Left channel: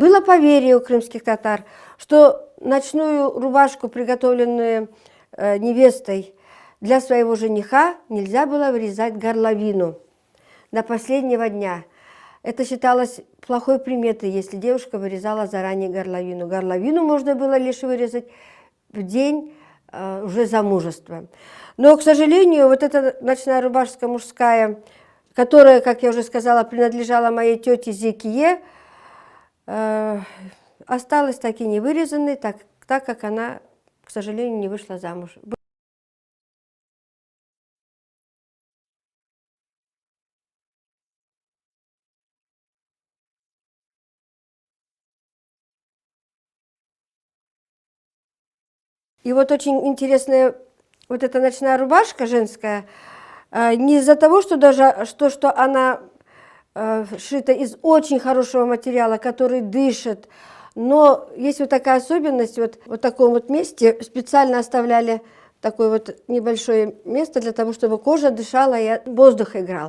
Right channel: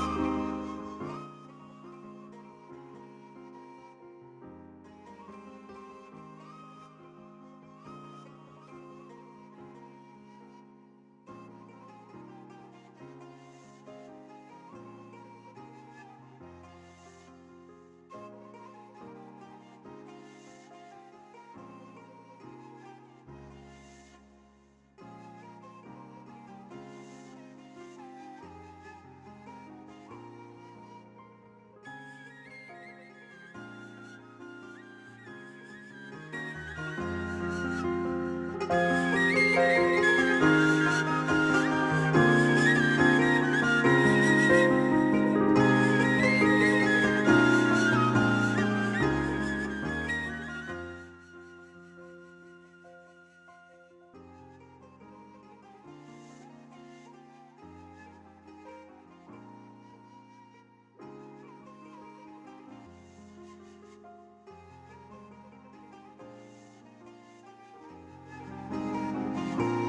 Было поверье у крымских татар, что ночную рубашку, приготовленную невестой для своего жениха, нельзя было вырезать горловину до последнего дня. Это считалось плохой приметой, если девушка вырезала заранее горловину. Горловину можно было лишь вырезать в день уже замужества. Но, к сожалению, вот эта ночная рубашка мужская, которая, как я уже сказала, принадлежала моей тете Зекие, осталась так и не вырезанной, так как она, к сожалению, не вышла замуж. И вот очень интересная вот эта ночная рубашка женская, не из-за того, что она сшита из очень хорошего материала, который дышит, но есть вот такая особенность, вот в таком вот месте специально оставляли такое вот небольшое место для того, чтобы кожа дышала и воздух играл.